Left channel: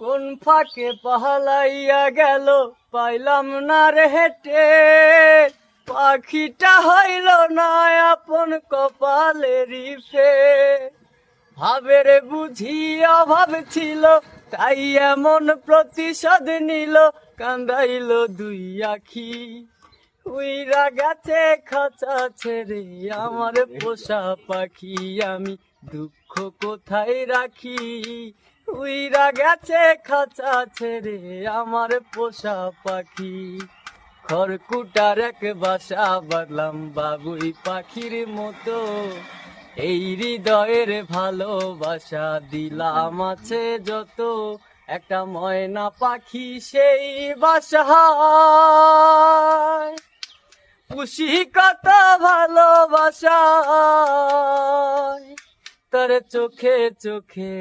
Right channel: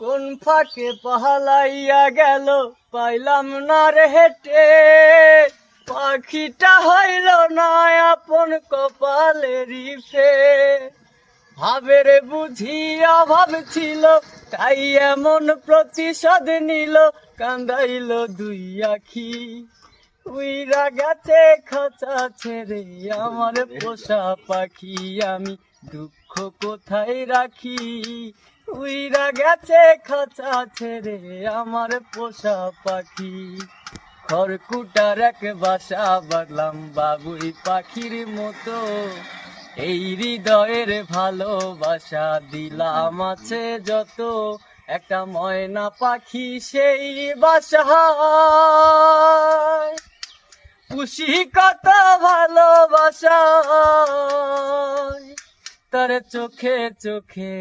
কোন ফাঁকে পাহালাইয়া গেল পাইলাম না রে হেঁটে, পাখিটা হইল না আপন কপালেরই ফে। ভাবের বুঝি অভাব ছিল তাই এমন প্রতিশোধ নিল, কান্দাইল দুই আখি। উইরা গেছে খাঁচা ছেড়ে আমার পোষা পাখি, আমি দুঃখ কোথায় রাখি। উইরা গেছে খাঁচা ছেড়ে আমার পোষা পাখি। খড়কুটার এক বাসা বাঁধলাম বাবুই পাখির মতো, এই হৃদয়ের ভালোবাসা দিলাম আছে যত। একটা ময়না পাখি সেই বাসায় পুষি কত ভালোবাসা, তোর চোখে চোখে।